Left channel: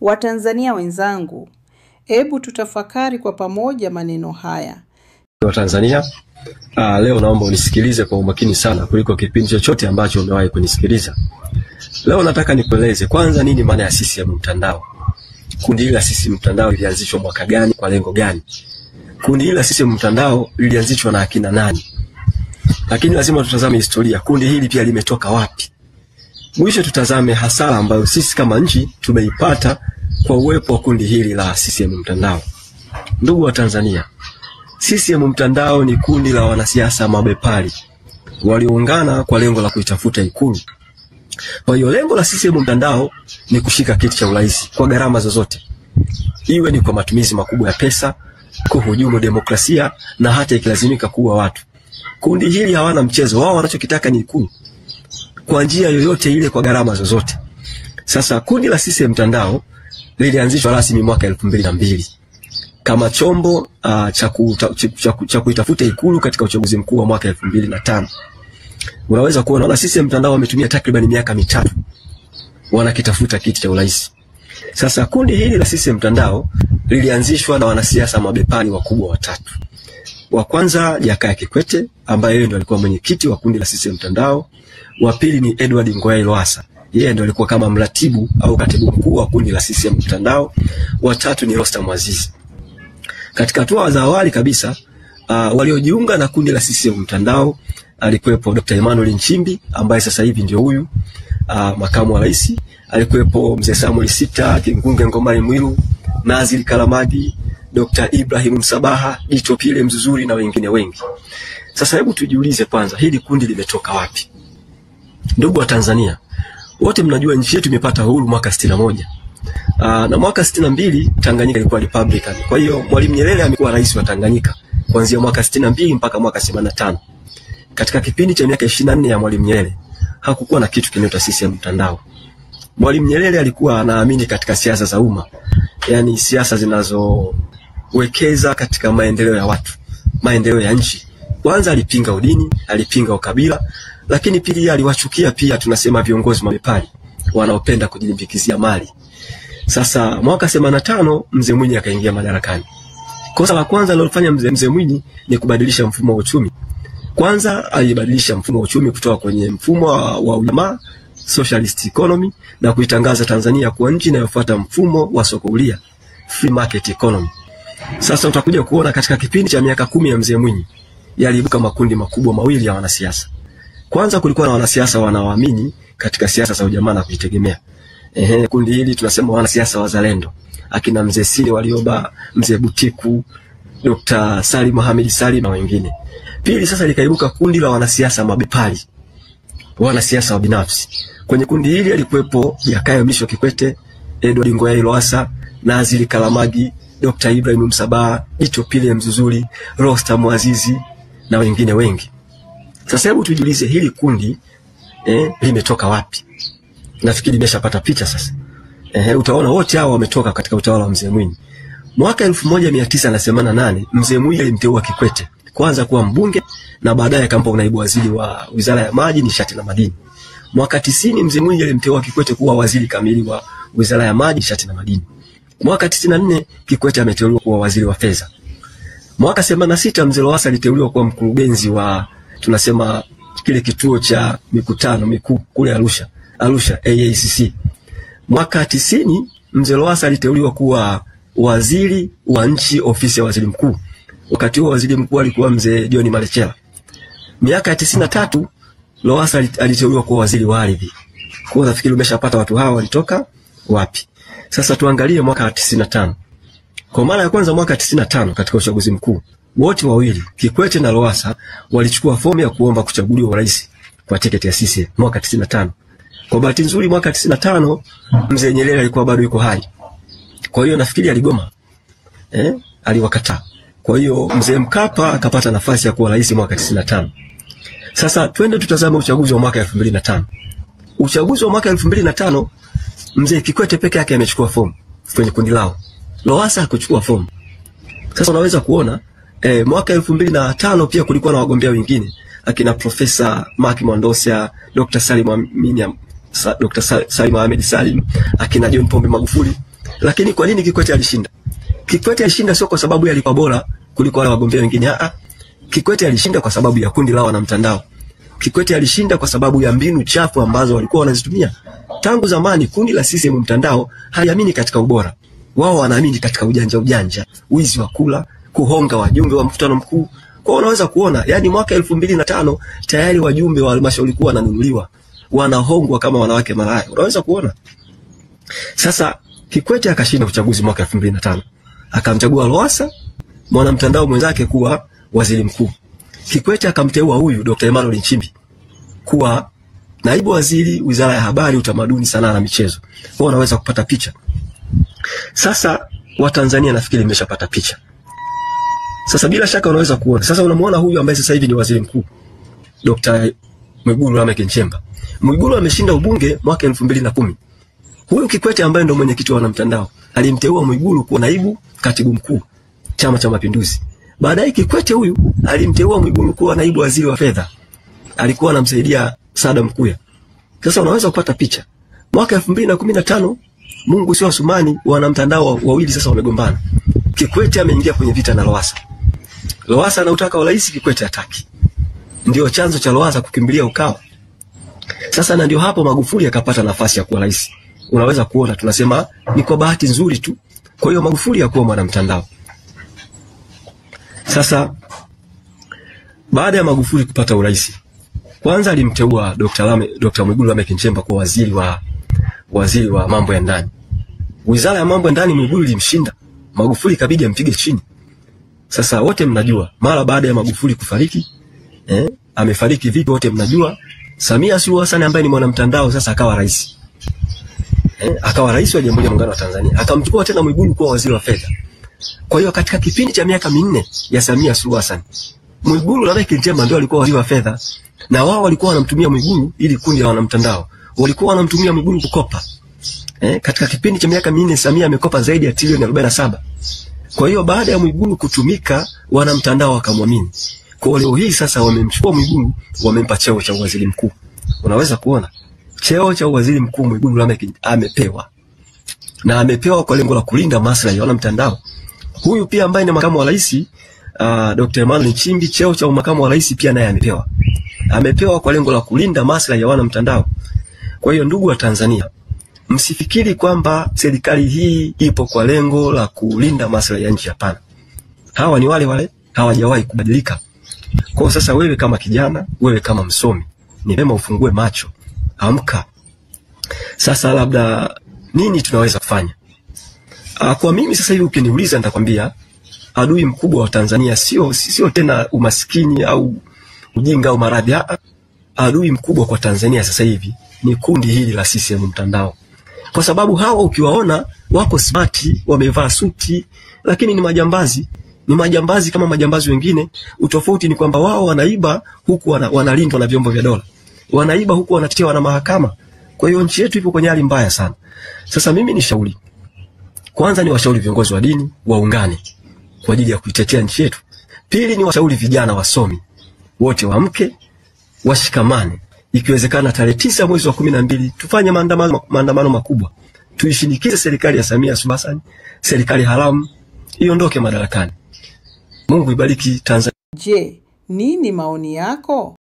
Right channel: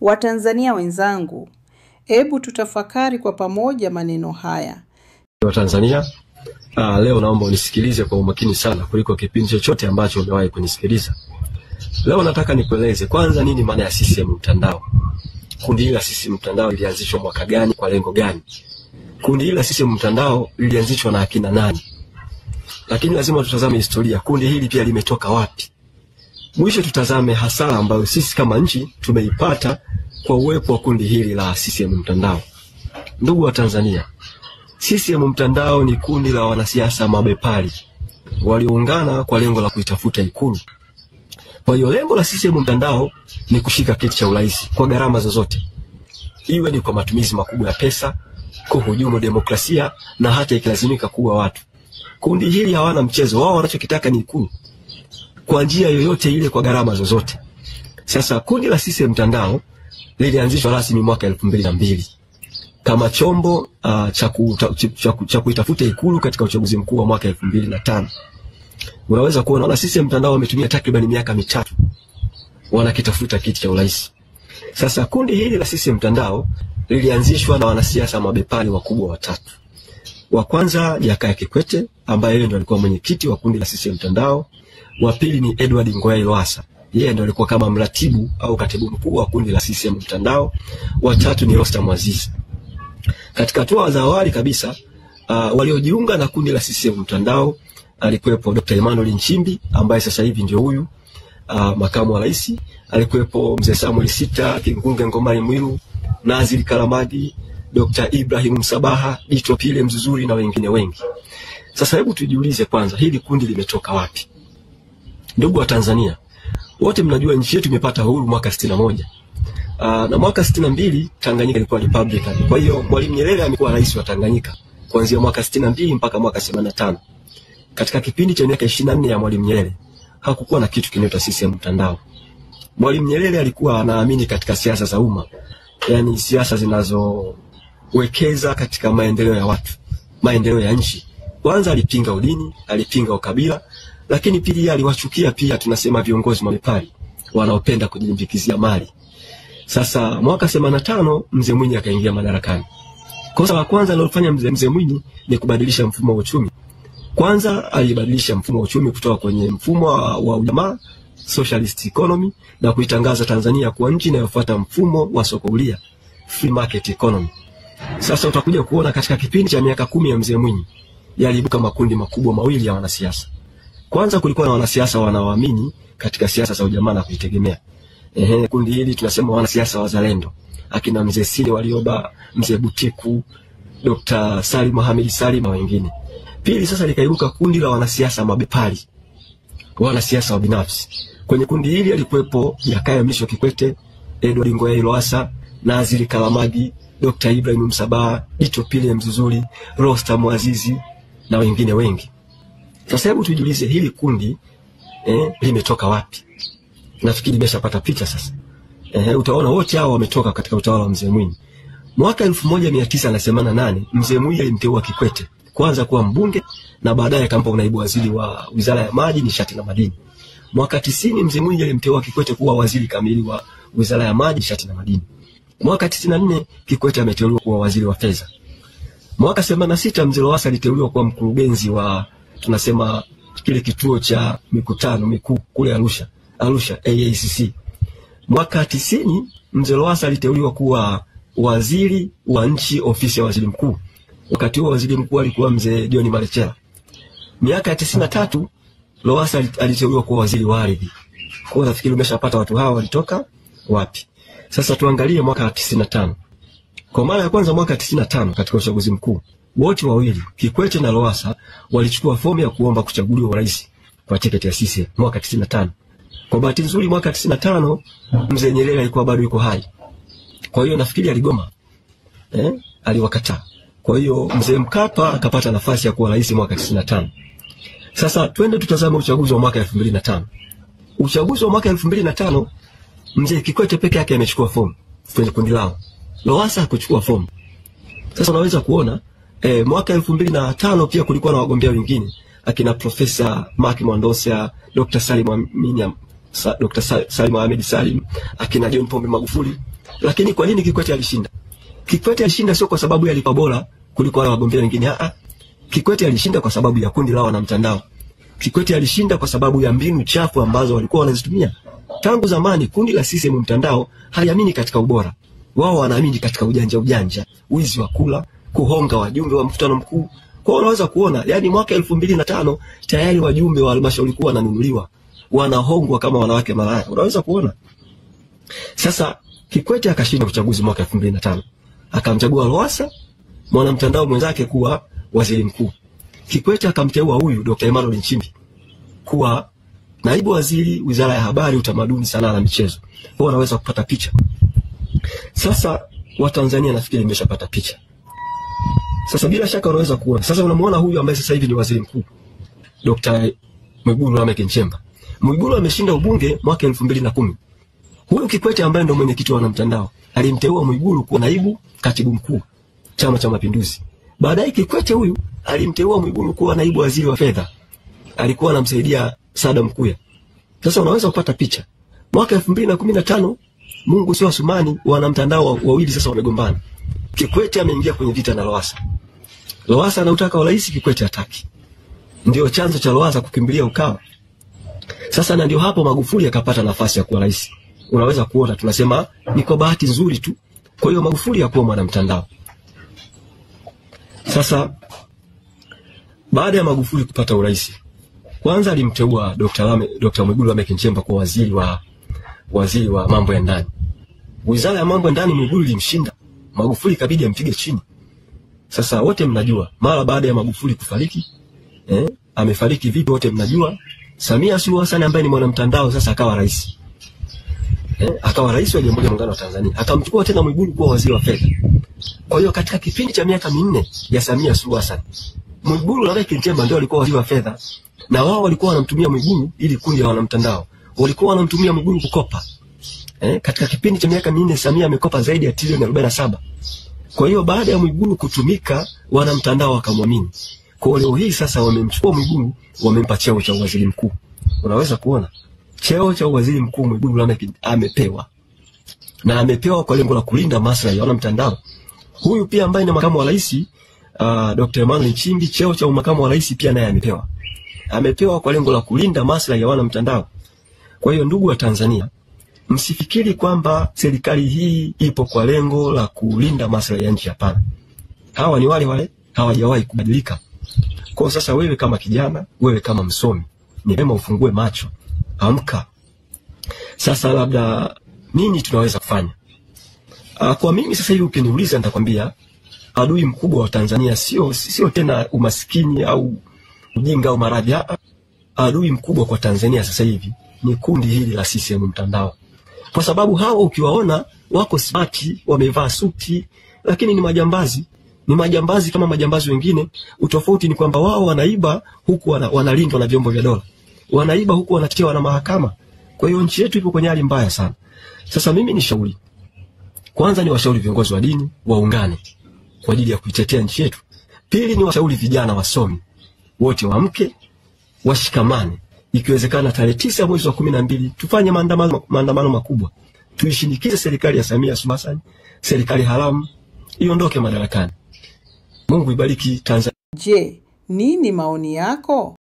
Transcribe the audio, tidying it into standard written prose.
Watanzania wenzangu, hebu tutafakari kwa pamoja maneno haya. Watanzania, leo naomba unisikilize kwa umakini sana kuliko kipindi chochote ambacho umewahi kunisikiliza. Leo nataka nikueleze kwanza nini maana ya CCM mtandao. Kundi hili la CCM mtandao lilianzishwa mwaka gani, kwa lengo gani? Kundi hili la CCM mtandao lilianzishwa na akina nani? Lakini lazima tutazame historia. Kundi hili pia limetoka wapi? Mwisho tutazame hasara ambayo sisi kama nchi tumeipata kwa uwepo wa kundi hili la CCM mtandao. Ndugu wa Tanzania, CCM mtandao ni kundi la wanasiasa mabepari walioungana kwa lengo la kuitafuta Ikulu. Kwa hiyo lengo la CCM mtandao ni kushika kiti cha urais kwa gharama zozote, iwe ni kwa matumizi makubwa ya pesa, kuhujumu demokrasia na hata ikilazimika kuua watu. Kundi hili hawana mchezo, wao wanachokitaka ni Ikulu kwa njia yoyote ile, kwa gharama zozote. Sasa kundi la CCM mtandao lilianzishwa rasmi mwaka 2002 kama chombo cha kuitafuta Ikulu katika uchaguzi mkuu wa mwaka 2005. Unaweza kuona na CCM mtandao wametumia takriban miaka 3 wanakitafuta kiti cha urais. Sasa kundi hili la CCM mtandao lilianzishwa na wanasiasa mabepari wakubwa watatu. Wa kwanza Jakaya Kikwete, ambaye yeye ndio alikuwa mwenyekiti wa kundi la CCM mtandao. Wa pili ni Edward Ngoyai Lowassa, yeye ndio alikuwa kama mratibu au katibu mkuu wa kundi la CCM mtandao. Wa tatu ni Rostam Aziz. Katika hatua za awali kabisa, waliojiunga na kundi la CCM mtandao alikuwepo Dr. Emmanuel Nchimbi, ambaye sasa hivi ndio huyu makamu wa rais. Alikuwepo Mzee Samuel Sita, Kingunge Ngomari Mwiru, Nazir Kalamagi, Dr. Ibrahim Msabaha, Dito Pile Mzuzuri na wengine wengi. Sasa hebu tujiulize kwanza, hili kundi limetoka wapi? Ndugu wa Tanzania, wote mnajua nchi yetu imepata uhuru mwaka 61. Na mwaka 62 Tanganyika ilikuwa Republican. Kwa hiyo Mwalimu Nyerere amekuwa rais wa Tanganyika kuanzia mwaka 62 mpaka mwaka 85. Katika kipindi cha miaka 24 ya Mwalimu Nyerere hakukuwa na kitu kinaitwa CCM mtandao. Mwalimu Nyerere alikuwa anaamini katika siasa za umma, yani siasa zinazowekeza katika maendeleo ya watu, maendeleo ya nchi. Kwanza alipinga udini, alipinga ukabila, lakini pili aliwachukia pia tunasema viongozi mabepari wanaopenda kujilimbikizia mali. Sasa mwaka 85 Mzee Mwinyi akaingia madarakani. Kosa la kwanza alilofanya Mzee Mwinyi ni kubadilisha mfumo wa uchumi. Kwanza alibadilisha mfumo wa uchumi kutoka kwenye mfumo wa ujamaa, socialist economy, na kuitangaza Tanzania kuwa nchi inayofuata mfumo wa soko huria, free market economy. Sasa utakuja kuona katika kipindi cha miaka 10 ya Mzee Mwinyi yaliibuka makundi makubwa mawili ya wanasiasa. Kwanza kulikuwa na wanasiasa wanaoamini katika siasa za ujamaa na kujitegemea. Kundi hili tunasema wanasiasa wazalendo, akina Mzee Sile Warioba, Mzee Butiku, Dr. Salim Mohamed Salim na wengine. Pili sasa likaibuka kundi la wanasiasa mabepari, wanasiasa wa binafsi. Kwenye kundi hili alikuwepo Jakaya Mrisho Kikwete, Edward Ngoyai Lowassa, Nazir Kalamagi, Dr. Ibrahim Msabaha, Dito Pile Mzuzuri, Rostam Aziz na wengine wengi. Sasa hebu tujiulize hili kundi limetoka wapi? Nafikiri nimeshapata picha sasa. Utaona wote hao wametoka katika utawala wa Mzee Mwinyi. Mwaka 1988 Mzee Mwinyi alimteua Kikwete kwanza kuwa mbunge na baadaye akampa unaibu waziri wa Wizara ya Maji, Nishati na Madini. Mwaka 90 Mzee Mwinyi alimteua Kikwete kuwa waziri kamili wa Wizara ya Maji, Nishati na Madini. Mwaka 94 Kikwete ameteuliwa kuwa waziri wa fedha. Mwaka 86 Mzee Lowassa aliteuliwa kuwa mkurugenzi wa tunasema kile kituo cha mikutano mikuu kule Arusha AACC. Mwaka 90 Mzee Lowassa aliteuliwa kuwa waziri wa nchi, ofisi ya waziri mkuu. Wakati huo waziri mkuu alikuwa Mzee John Malechela. Miaka 93 Lowassa aliteuliwa kuwa waziri wa ardhi. Kwa nafikiri umeshapata watu hawa walitoka wapi. Sasa tuangalie mwaka 95. Kwa mara ya kwanza mwaka 95 katika uchaguzi mkuu, wote wawili Kikwete na Lowassa walichukua fomu ya kuomba kuchaguliwa urais kwa tiketi ya CCM mwaka 95. Kwa bahati nzuri mwaka 95 Mzee Nyerere alikuwa bado yuko hai. Kwa hiyo nafikiri aligoma. Aliwakataa. Kwa hiyo Mzee Mkapa akapata nafasi ya kuwa rais mwaka 95. Sasa twende tutazame uchaguzi wa mwaka 2005. Uchaguzi wa mwaka 2005 Mzee Kikwete peke yake amechukua fomu kwenye kundi lao. Lowassa hakuchukua fomu. Sasa unaweza kuona mwaka 2005 pia kulikuwa na wagombea wengine akina Profesa Mark Mondosia, Dr. Salim Ahmed Salim, akina John Pombe Magufuli. Lakini kwa nini Kikwete alishinda? Kikwete alishinda sio kwa sababu alikuwa bora kuliko wale wagombea wengine. Kikwete alishinda kwa sababu ya kundi lao na mtandao. Kikwete alishinda kwa sababu ya mbinu chafu ambazo walikuwa wanazitumia. Tangu zamani kundi la CCM mtandao haliamini katika ubora. Wao wanaamini katika ujanja, wizi wa kula, kuhonga wajumbe wa mkutano mkuu. Kwa unaweza kuona, yani mwaka 2005 tayari wajumbe wa halmashauri kuu wananunuliwa, wanahongwa kama wanawake malaya. Unaweza kuona. Sasa Kikwete akashinda uchaguzi mwaka 2005. Akamchagua Lowassa mwana mtandao mwenzake kuwa waziri mkuu. Kikwete akamteua huyu Dr. Emmanuel Nchimbi kuwa naibu waziri Wizara ya Habari, Utamaduni, Sanaa na Michezo. Kwa unaweza kupata picha. Sasa Watanzania nafikiri mmeshapata picha. Sasa bila shaka unaweza kuona. Sasa unamuona huyu ambaye sasa hivi ni waziri mkuu, Dr. Mwigulu Lameck Nchemba. Mwigulu ameshinda ubunge mwaka 2010. Huyu Kikwete ambaye ndio mwenyekiti wa wanamtandao alimteua Mwigulu kuwa naibu katibu mkuu Chama cha Mapinduzi. Baadaye Kikwete huyu alimteua Mwigulu kuwa naibu waziri wa fedha. Alikuwa anamsaidia Saada Mkuya. Sasa unaweza kupata picha. Mwaka 2015 Mungu sio Asumani, wanamtandao wawili sasa wamegombana. Kikwete ameingia kwenye vita na Lowassa. Lowassa anautaka urais, Kikwete hataki. Ndio chanzo cha Lowassa kukimbilia Ukawa. Sasa na ndio hapo Magufuli akapata nafasi ya kuwa rais. Unaweza kuona tunasema ni kwa bahati nzuri tu. Kwa hiyo Magufuli hakuwa mwanamtandao. Sasa baada ya Magufuli kupata urais, kwanza alimteua Dr. Mwigulu Lameck Nchemba kuwa waziri wa mambo ya ndani. Wizara ya mambo ya ndani Mwigulu ilimshinda. Magufuli ikabidi ampige chini. Sasa wote mnajua mara baada ya Magufuli kufariki, amefariki vipi wote mnajua. Samia Suluhu Hassan ambaye ni mwanamtandao sasa akawa rais. Akawa rais wa Jamhuri ya Muungano wa Tanzania. Akamchukua tena Mwigulu kuwa waziri wa fedha. Kwa hiyo katika kipindi cha miaka 4 ya Samia Suluhu Hassan, Mwigulu Lameck Nchemba ndio alikuwa waziri wa fedha, na wao walikuwa wanamtumia Mwigulu ili kundi la wanamtandao. Walikuwa wanamtumia Mwigulu kukopa. Katika kipindi cha miaka 4 Samia amekopa zaidi ya trilioni 47. Kwa hiyo baada ya Mwigulu kutumika, wanamtandao wakamwamini. Kwa leo hii sasa wamemchukua Mwigulu, wamempa cheo cha waziri mkuu. Unaweza kuona cheo cha waziri mkuu Mwigulu Lameck amepewa. Na amepewa kwa lengo la kulinda maslahi ya wanamtandao. Huyu pia ambaye ni makamu wa rais, Dr. Emmanuel Nchimbi, cheo cha makamu wa rais pia naye amepewa. Amepewa kwa lengo la kulinda maslahi ya wanamtandao. Kwa hiyo ndugu wa Tanzania, msifikiri kwamba serikali hii ipo kwa lengo la kulinda maslahi ya nchi, hapana. Hawa ni wale hawajawahi kubadilika. Kwa sasa wewe kama kijana, wewe kama msomi, ni vyema ufungue macho. Amka. Sasa labda nini tunaweza kufanya? Kwa mimi sasa hivi ukiniuliza nitakwambia adui mkubwa wa Tanzania sio tena umaskini au ujinga au maradhi. Adui mkubwa kwa Tanzania sasa hivi ni kundi hili la CCM mtandao. Kwa sababu hawa ukiwaona wako smart, wamevaa suti, lakini ni majambazi. Ni majambazi kama majambazi wengine. Utofauti ni kwamba wao wanaiba huku wanalindwa na vyombo vya dola. Wanaiba huku wanatetewa na mahakama. Kwa hiyo nchi yetu ipo kwenye hali mbaya sana. Sasa mimi ni shauri. Kwanza ni washauri viongozi wa dini waungane kwa ajili ya kuitetea nchi yetu. Pili ni washauri vijana wasomi wote waamke, washikamane. Ikiwezekana tarehe 9 mwezi wa 12 tufanye maandamano makubwa. Tuishinikize serikali ya Samia Suluhu Hassan, serikali haramu iondoke madarakani. Mungu ibariki Tanzania. Je, nini maoni yako?